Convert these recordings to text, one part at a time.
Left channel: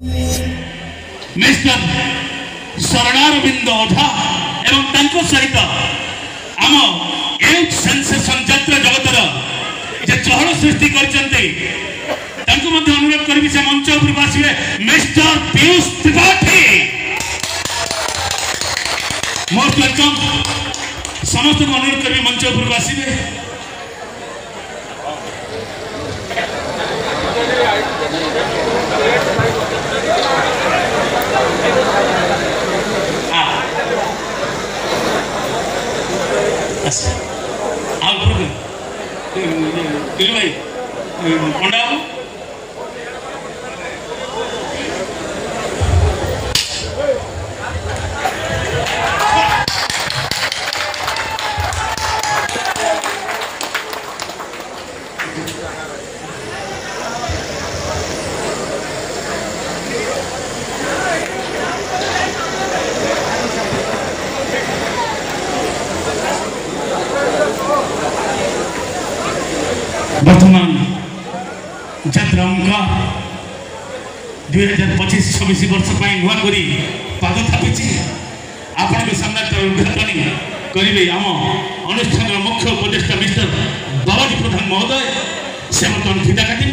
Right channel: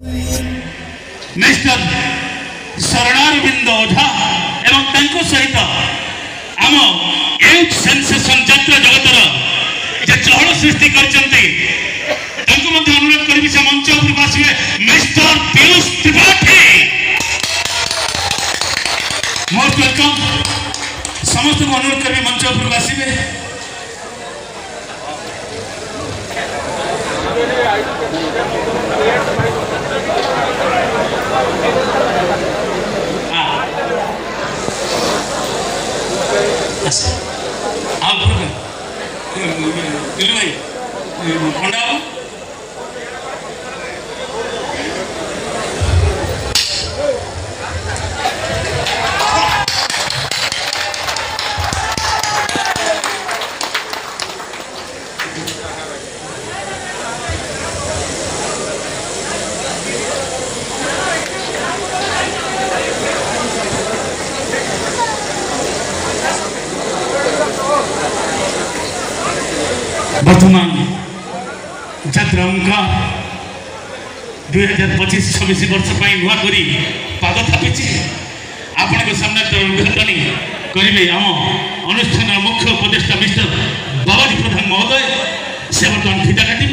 Mister शरणारविंद ओझा एवं तांको सहित आम यूथ सेंसेशन जातीय जगतर जे चहल सृष्टि करचंती तांको मध्य अनुरोध करी से मंच ऊपर आसिबे mister Piyush Tripathi most welcome समस्त को अनुरोध करी मंच ऊपर आसिबे पंडा वर्तमान जात्रा 2025-26 वर्ष नुआ करी पाद थापी आपण सामने उद्घाटन करेंगे आम अनुष्ठान मुख्य उपदेष्टा मिस्टर बाबाजी प्रधान महोदय से बर्तमान फिता काटे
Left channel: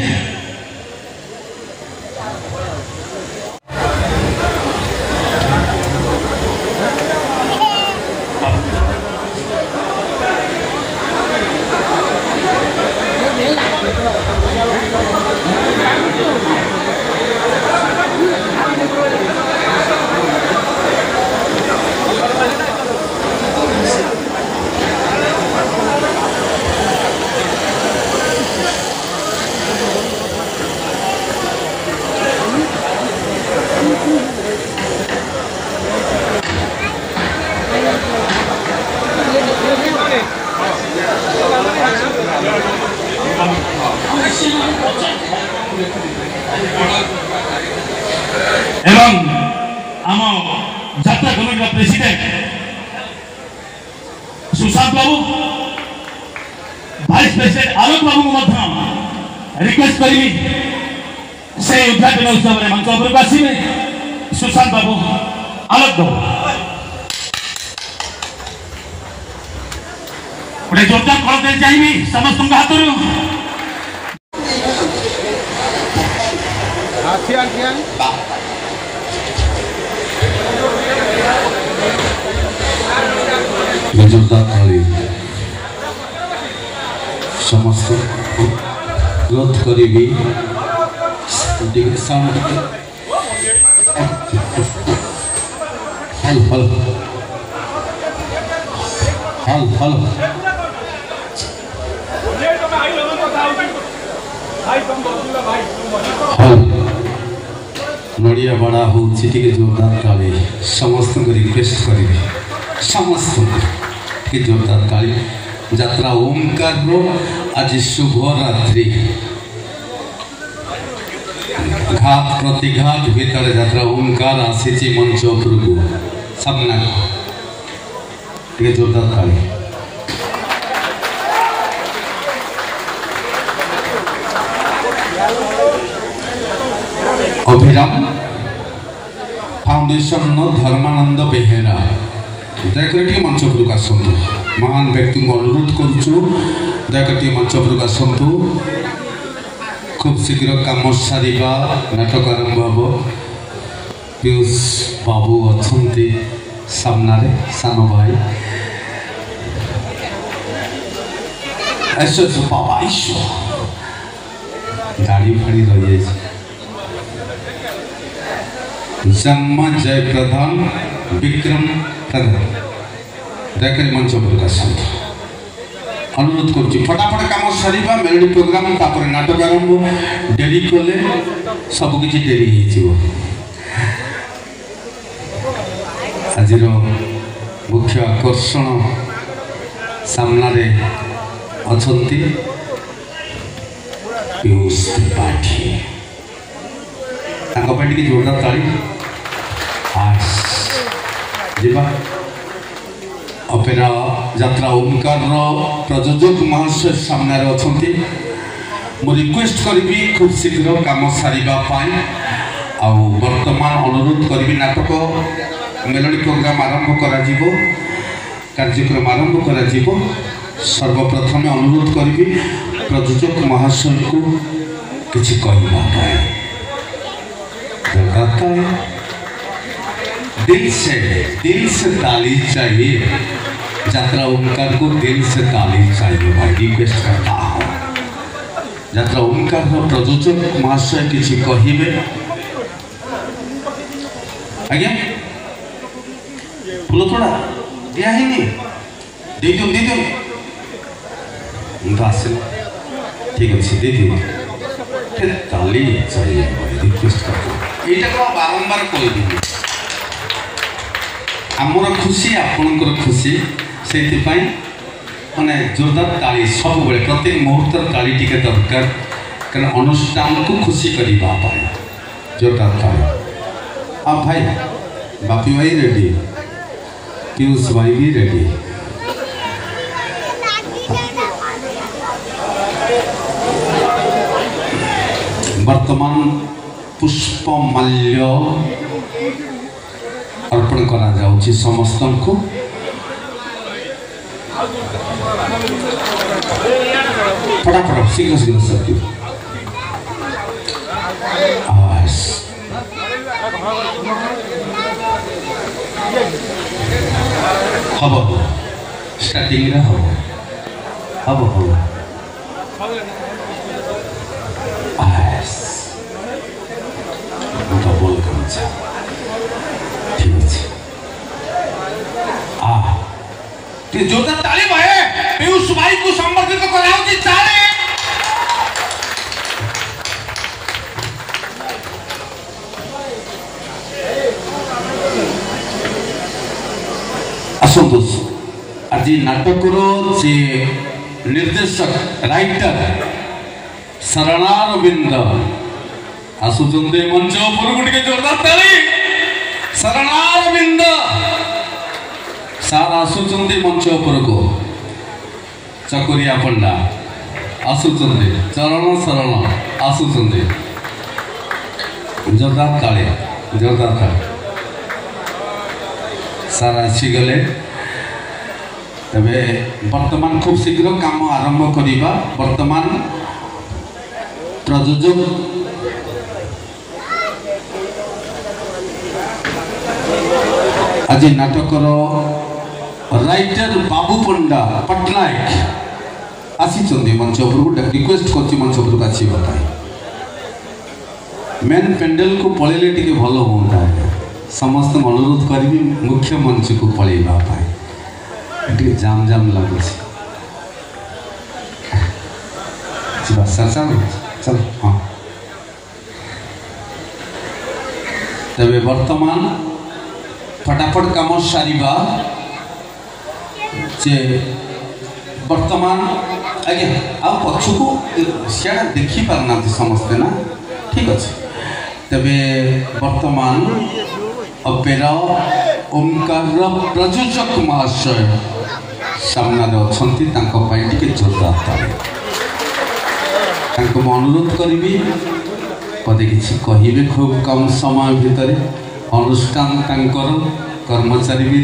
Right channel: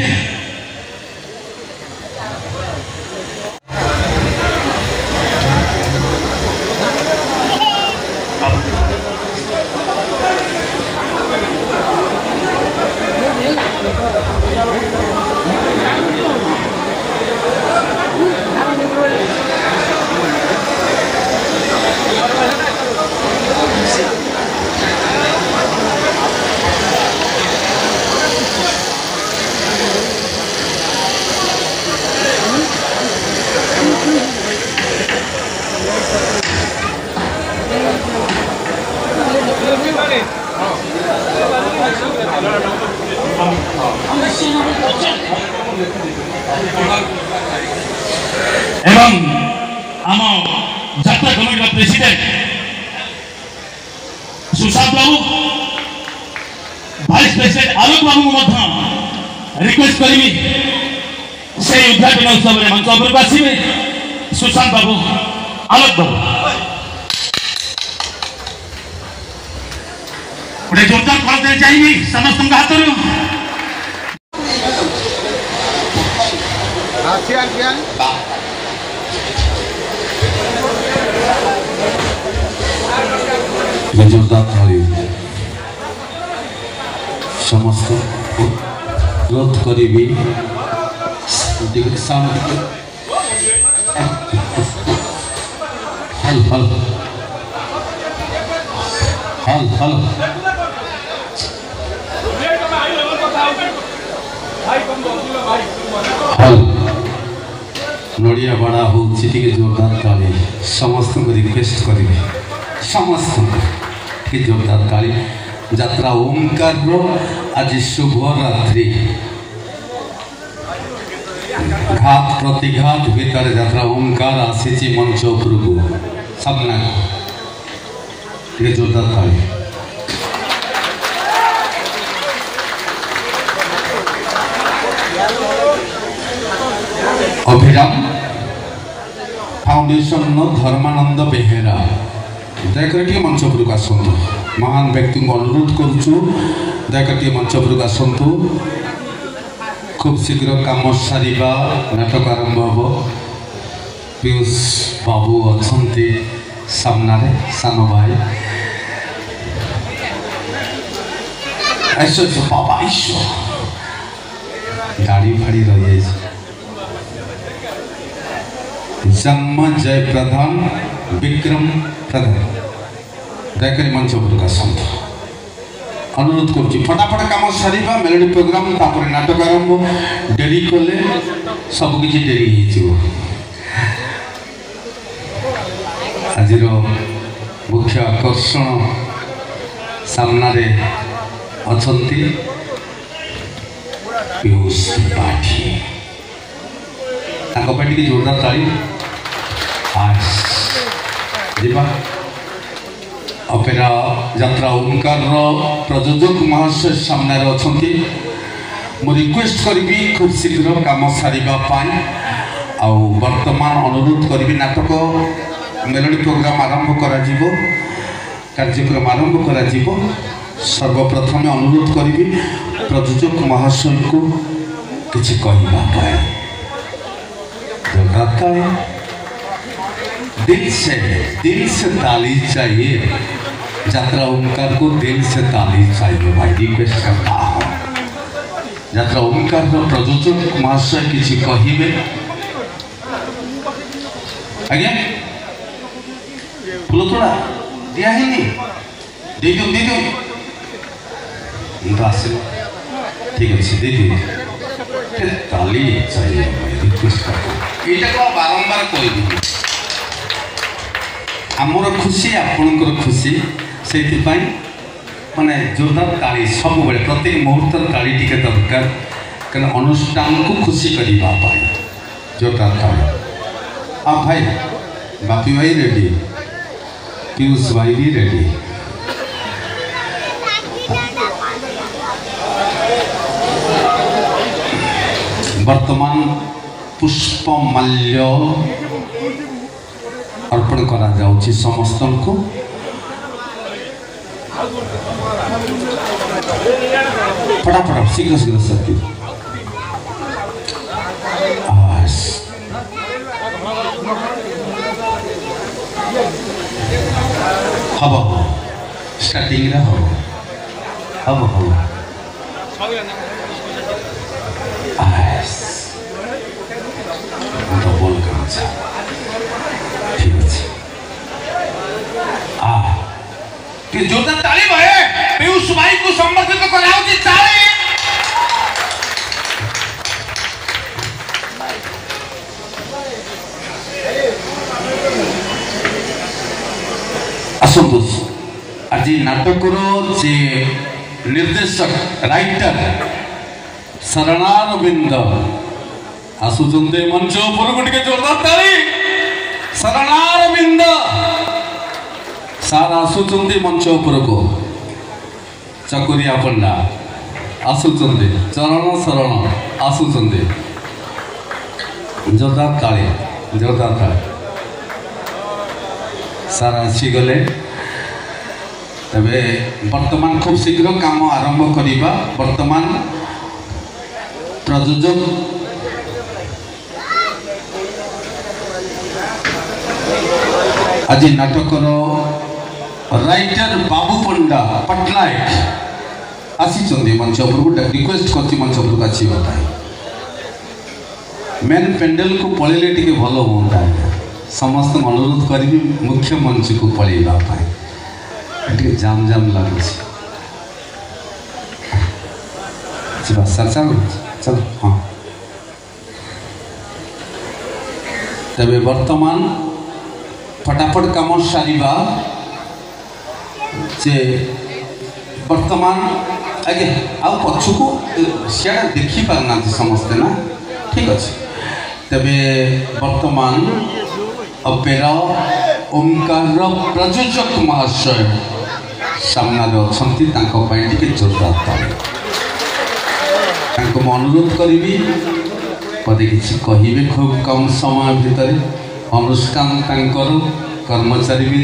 एवं आम जात्रा कमिटी प्रेसिडेंट सुशांत बाबू वाइस प्रेसिडेंट आलोक बाबू को रिक्वेस्ट करी से उद्घाटन उत्सव में मंच उपरକୁ ଆସିବେ सुशांत बाबू आलोक बाबू गोटे जोरदार करते चाहिए समस्त हाथ समस्त अनुरोध करी साउंड हल हल हल हल हल नड़िया बड़ा हो जोरदार ताली समस्त को रिक्वेस्ट करी समस्त की जोरदार ताली जात्रा ओंकार आज शुभ रात्रि घात प्रतिघात भीतर जात्रा ओंकार आसी मंच उपरकू सामना ये जोरदार ताली अभिराम फाउंडेशन धर्मानंद बेहेरा दयाकर मंच उपरकू आसतु महान व्यक्ति को अनुरोध करुचु दयाकर मंच उपरकू आसतु खूब शीघ्र काम सारिबा नाटक आरंभ हम पीयूष बाबू अच्छा सामना सान भाई ऐश्वर्य बाबा गाड़ी फाड़ी रही जन्म जय प्रधान विक्रम प्रधान दयाकर मंच अनुरोध करुच्ची फटाफट काम सारा मेलोडी प्रोग्राम तापर नाटक आरंभ डेरी कले सबकि डेरी आज मुख्य आकर्षण सामना अच्छा पीयूष त्रिपाठी जोरदार ताली अपेरा जात्रा ओंकार प्रयोजक महाशय सामने अच्छा मु रिक्वेस्ट करी खूब शीघ्र काम सारिबा पाई वर्तमान अनुरोध करी नाटक मेलोडी प्रोग्राम आरंभ करा जीवो कार्यक्रम आरंभ करा जीवो सर्वप्रथम अनुरोध करी प्रयोजक महाशय को किसी कहना दिल से ताली चाहिए यात्रा ओंकार को दिल से ताली चाहिए भाई रिक्वेस्ट करता हूँ यात्रा ओंकार प्रयोजक महाशय किसी कहे आज्ञा फूल थोड़ा दिया है नहीं दे दो ठीक अच्छे दे दिए ताली चाहिए रिक्वेस्ट करता ये बारंबार कह आमर खुशी आपणकर खुशी से माने जोरदार ताली सब बेले प्रत्येक मुहूर्त ताली टिके दरकार कहीं अनुष्ठान को खुशी करने जोरदार ताली आप भाई बापी भाई रेडी पीयूष भाई भी रेडी वर्तमान पुष्पमाल्य अर्पण करा जाउछि समस्त को फटाफट शीघ्र शीघ्र सकती हम स्टार्टिंग हम बोल ठीक है जोरदार ताली भाई पीयूष भाई को संबोधित कराओ कि ताली असंतोष आज नाटक जे निर्देशक राइटर शरणारविंद आसुचंदे मंच ऊपर गुटिके जोरदार ताली शरणारविंद सार आसुचंदे मंच ऊपर को चकोरिया पंडा आसुचंदे चरण शरण आसुचंदे जोरदार ताली सार आसी गले तबे वर्तमान खूब शीघ्र काम आरंभ करिबा वर्तमान प्रयोजक आज नाटकर राइटर बाबू पंडा पट्टनायक आसी मंच उपरको रिक्वेस्ट कर मंच उपरको आसवा मेन पेंडल को पलैले टे भल हाँ समस्त अनुरोध करी मुख्य मंच को पलैवा जाम लगुच चल हाँ तबे वर्तमान फटाफट काम सारिबा जे वर्तमान आज्ञा आ पछको सियाड़ा देखी पारना समस्ते ना ठीक अच्छे तबे वर्तमान अपेरा ओंकार प्रयोजक महाशय सामना अच्छा जोरदार अनुरोध करी पदे किसी कहे खूब कम समय भितर अनुष्ठान कर्मचारी भी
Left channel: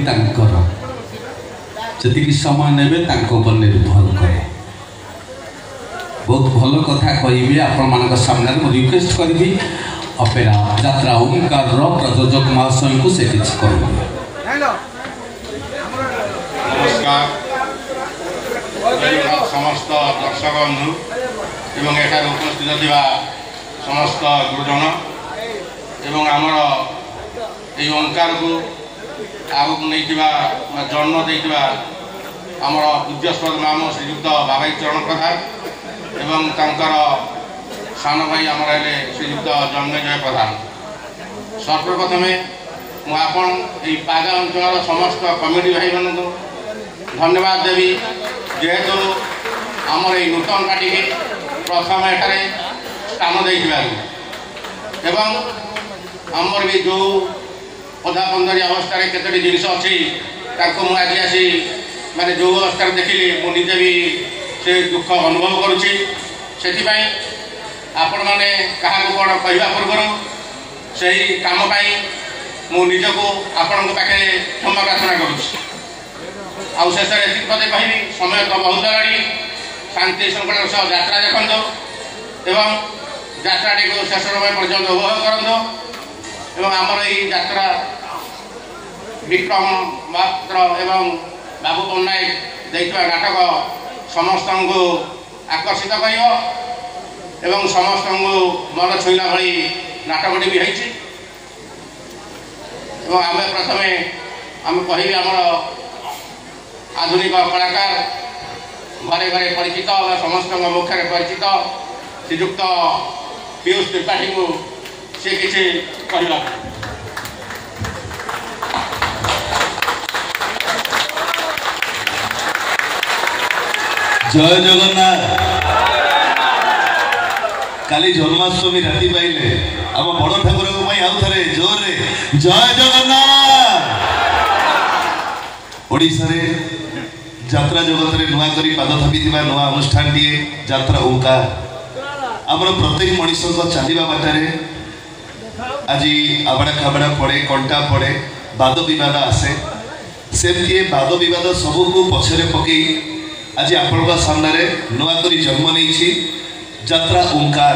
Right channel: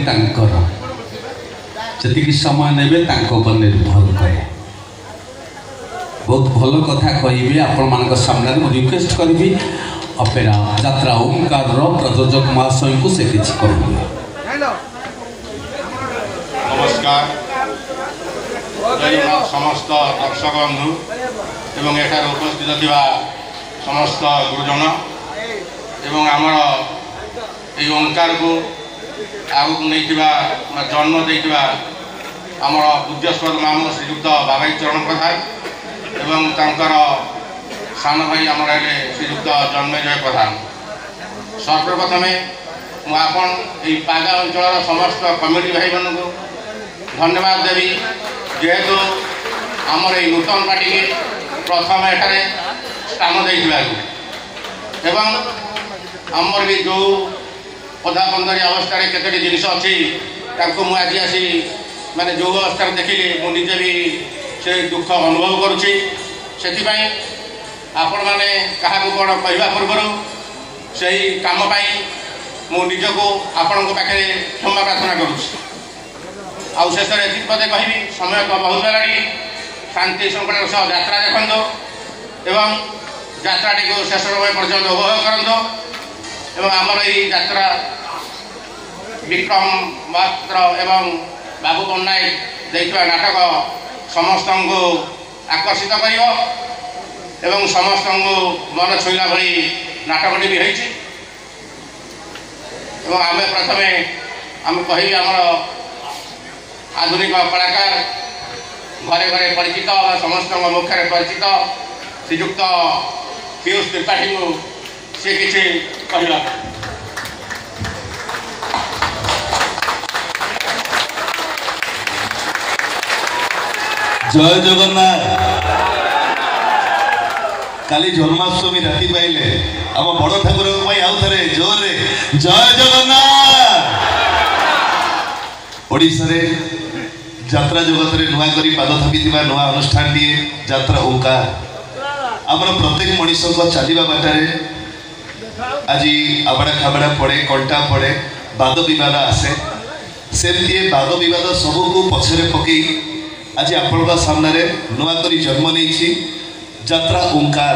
जी समय ने निर्भर करे बहुत भल कथा कहि आपण मान सामने रिक्वेस्ट करी अपेरा यात्रा ओंकार प्रयोजक महाशय को से किसी कह नमस्कार समस्त दर्शक बंधु एवं एठार उपस्थित थिबा समस्त गुरुजन एवं आमर ये ओंकार को आगक नहीं जन्म देथिबा आमर पूज्यस्पद नाम श्रीयुक्त बाबाई चरण प्रधान एवं तांकर सान भाई आमर श्रीयुक्त जन्मेजय प्रधान सर्वप्रथमे मुझे पागा अंचल समस्त कमिटी भाई मान को धन्यवाद देवी जेहेतु आमर ये नूतन पार्टी प्रथम एठारे स्थान देथिबारु एवं आमर ये जो पदापंदरी अवस्था केतोटी जिनस अच्छी मुझे आसी माने जो अवस्था देखिली मुझे भी से दुख अनुभव करुँची से आपण मैंने क्या कौन कहवा पूर्व ସେହି କାମ ପାଇଁ ମୁଁ ନିଜକୁ ଆପଣଙ୍କ ପାଖରେ କ୍ଷମା ପ୍ରାର୍ଥନା କରୁଛି। ଆଉ ଶେଷରେ ଏତିକି ପଦେ କହିବି, ସମୟ ତ ବହୁତ ହେଲାଣି। ଶାନ୍ତି ଶୃଙ୍ଖଳାର ସହ ଯାତ୍ରା ଦେଖନ୍ତୁ ଏବଂ ଯାତ୍ରାଟିକୁ ଶେଷ ସମୟ ପର୍ଯ୍ୟନ୍ତ ଉପଭୋଗ କରନ୍ତୁ। ଏବଂ ଆମର ଏହି ଯାତ୍ରା ବିକ୍ରମ ପାତ୍ର ଏବଂ ବାବୁ ପଟ୍ଟନାୟକ ଦେଇଥିବା ନାଟକ ସମସ୍ତଙ୍କୁ ଆକର୍ଷିତ କରିବ ଏବଂ ସମସ୍ତଙ୍କୁ ମନ ଛୁଇଁଲା ଭଳି ନାଟକଟି ବି ହେଇଛି। ଏବଂ ଆମେ ପ୍ରଥମେ କହିବି ଆମର ଆଧୁନିକ କଳାକାର ଘରେ ଘରେ ପରିଚିତ ବା ସମସ୍ତଙ୍କ ମୁଖରେ ପରିଚିତ ଶ୍ରୀଯୁକ୍ତ ପିୟୁଷ ତ୍ରିପାଠୀଙ୍କୁ ସେ କିଛି କହିଲା। जय जगन्नाथ। काली जन्माष्टमी राति पाइले आम बड़ ठाकुर आउ थे जोर जय जगन्नाथ। ओडिशा रे यात्रा जगत रे नुआ करी पाद थापी नुआ अनुष्ठान टी यात्रा ओंकार आमर प्रत्येक मनीष चलवा बाटे आज आबड़ा खाबड़ा पड़े कंटा पड़े वाद विवाद आसे सेमती वाद विवाद सबको पछरे पकई आज आपण सामने नुआ करी जन्म नहीं यात्रा ओंकार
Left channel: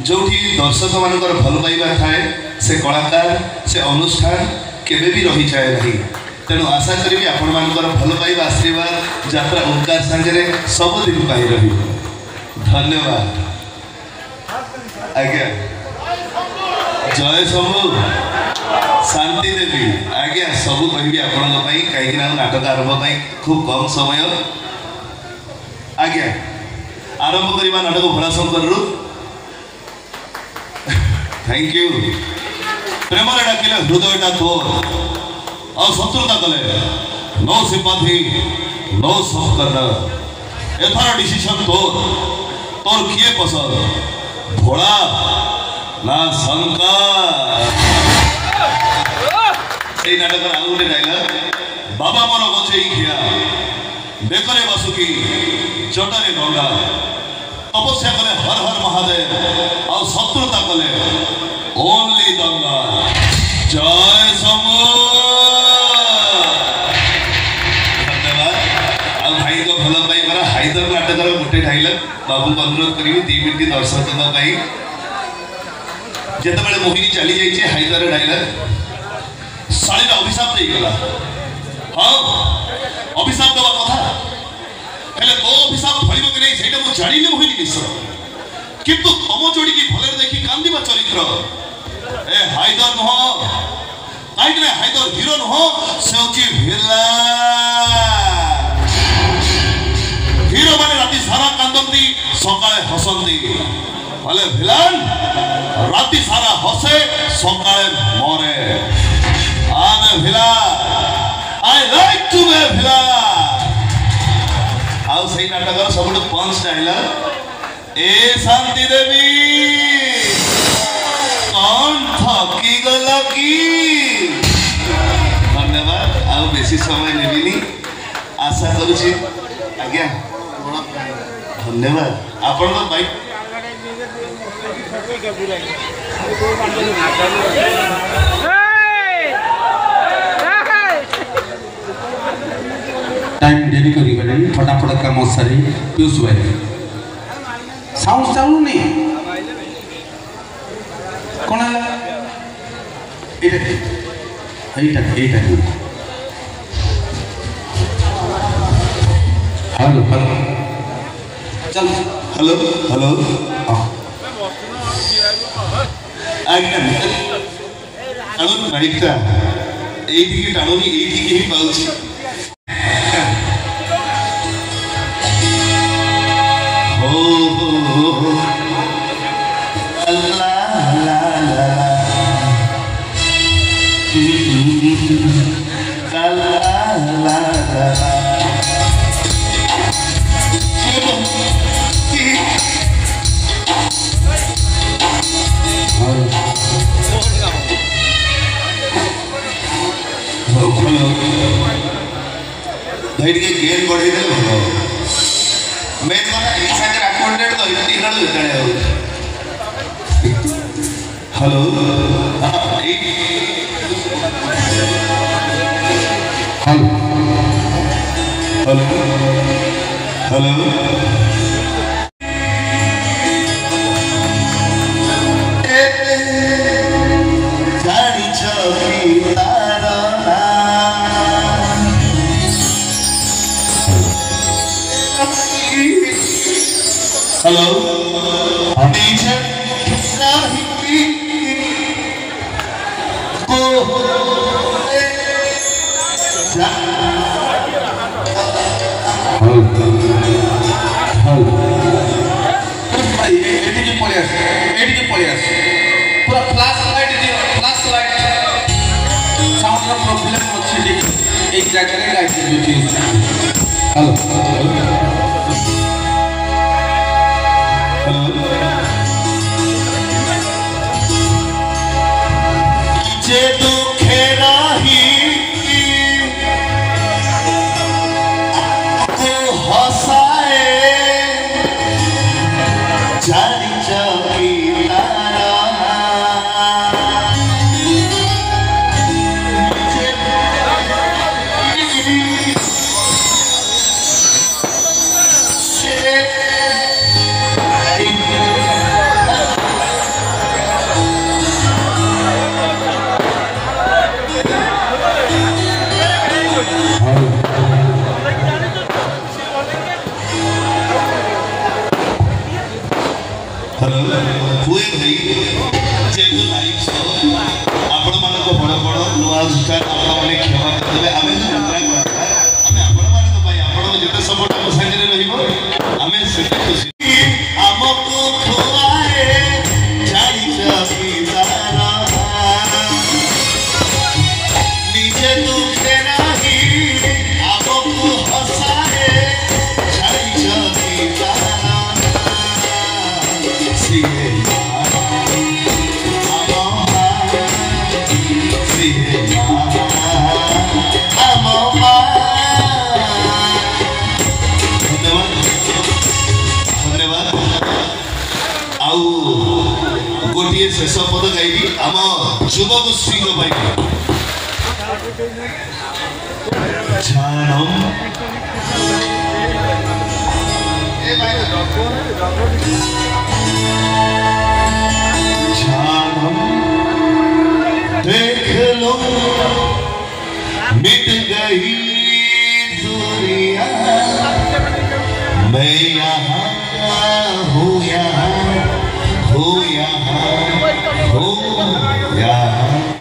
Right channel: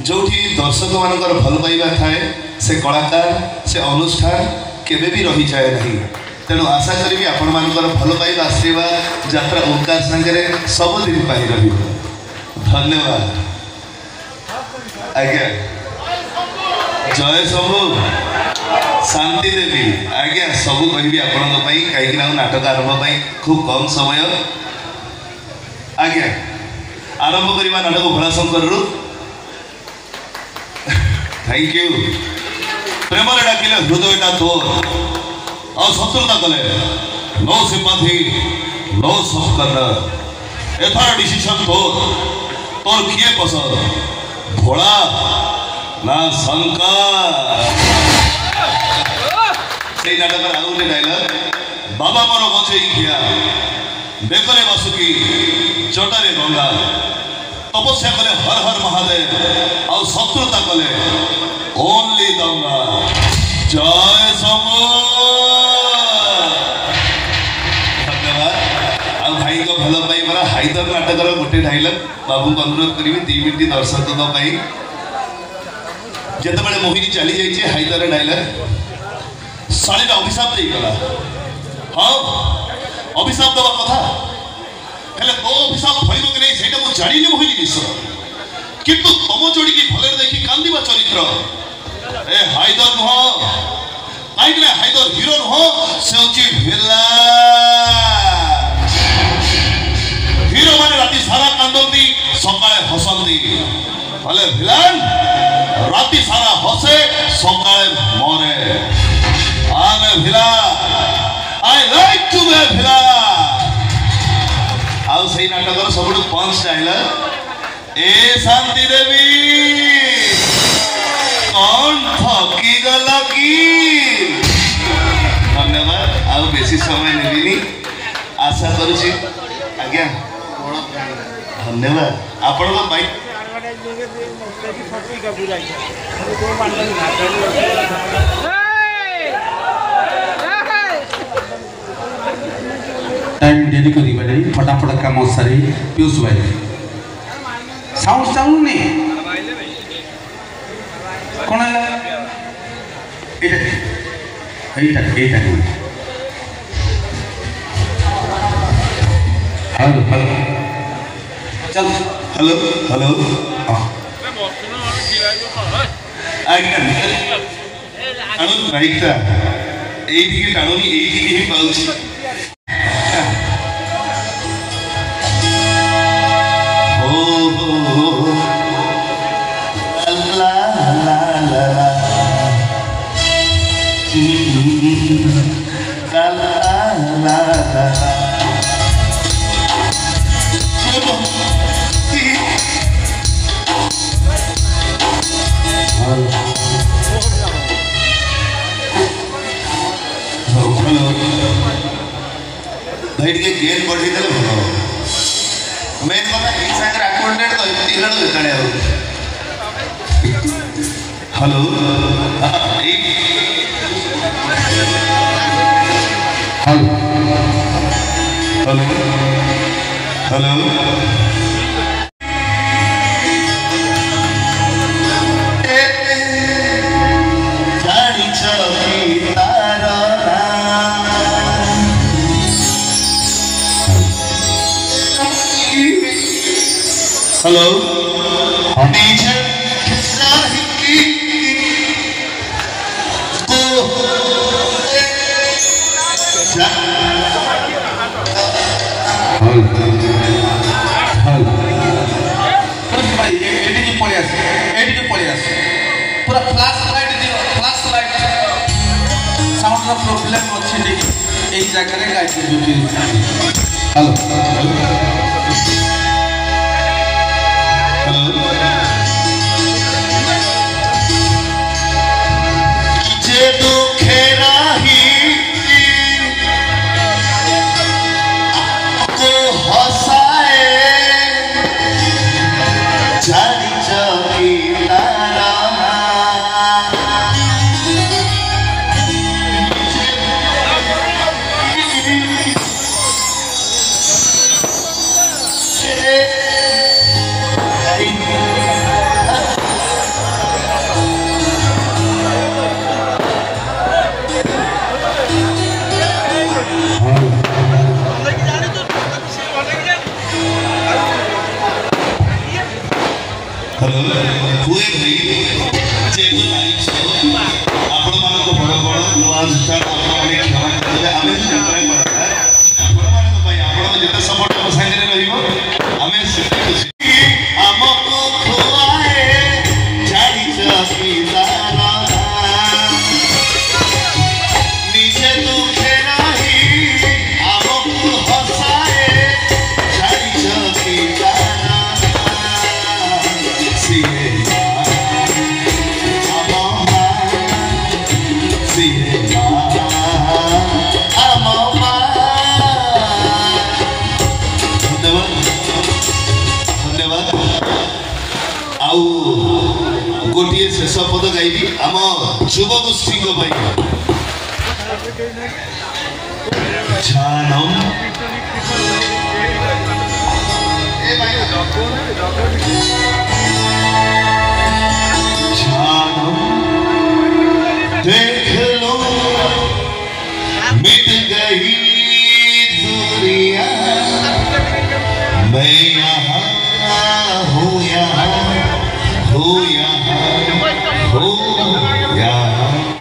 जो दर्शक मान भल पाइबा थाए से कलाकार से अनुष्ठान केबे भी रही जाए नहीं। तेणु आशा करी आपण मान भल पाइबा आशीर्वाद यात्रा ओंकार संगे सबुदिन पाई रही। धन्यवाद आज्ञा। जय सबू शांति देवी आज्ञा सबू कहि आपण कहीं नाटक आरंभ खूब कम समय आज्ञा आरंभ करवा नाटक भोलाशंकर रु। Thank you. प्रेम डाकिले हृदयटा तोर और शत्रुता कले नो सिंपाथी नो सफकर एथार डिसीजन तोर तोर किए पसंद भोला ना शंकर। से नाटक आउ गोटे डायलग बाबा मोर गछई खिया बेकरे बसुकी चटारे गंगा तपस्या कले हर हर महादेव और शत्रुता कले ओनली दंगा। जय शंभु। धन्यवाद। आ भाई को भल पाई परा हाइदर नाटकर गोटे डायलग बाबू को अनुरोध करी 2 मिनिट दर्शकों जिते मोहिनी चली जाइए हाइदर डायलग शाड़ी अभिशाप देगला। हाँ अभिशाप दवा कथा हेले तो अभिशाप फैल कि नहीं से जानी मोहिनी मिश्र किंतु तुम जोड़ी की भले देखी कांदिबा चरित्र ए हाइदर नुह कहीं हाइदर हिरो नुह से हिरो मैंने राति सारा कांदती सकाळे हसंती भले भिलान राति सारा हसे सकाळे मरे। आमे भिला आई लाइक टू बी भिला। आउ सही नाटकर सब पंच डायलग ए शांति देवी कौन थकी गल की। धन्यवाद। आउ बेसी समय नेबिनी आशा करुछि आज्ञा। धन्यवाद आपण भाई टाइम डेरी करिबा नहीं फटाफट काम सारी पीयूष भाई साउंड साउंड नहीं कौन है एटा हेलो चल हेलो हेलो आज्ञा टाणु राइटा एइदिके टाणुनी एइदिके ही पाउछि। भाई टे गेम बढ़े भल मेन कथा ये सागर आक्यूमेंटेड तो तीन जितने hello hello hello hello problem अच्छी एक जगह हेलो जे दुखे रही को हसाए जानी चौकी हुए भाई जेतु लाइक सो आपण मानको बड़ बड़ नुआ अनुष्ठान आपण क्षमा करले आमे ट्राई करता आमे आपण मानको भाई आपण जेतु सपोर्ट हम साइड रे रहिबो आमे सेते खुशी हमको खुआए जाई चकी तारा निजे दुखे नाही हमको हसाए जाई चकी तारा सिए गोटे शेष पद गायी आम युवगोष्ठी जानम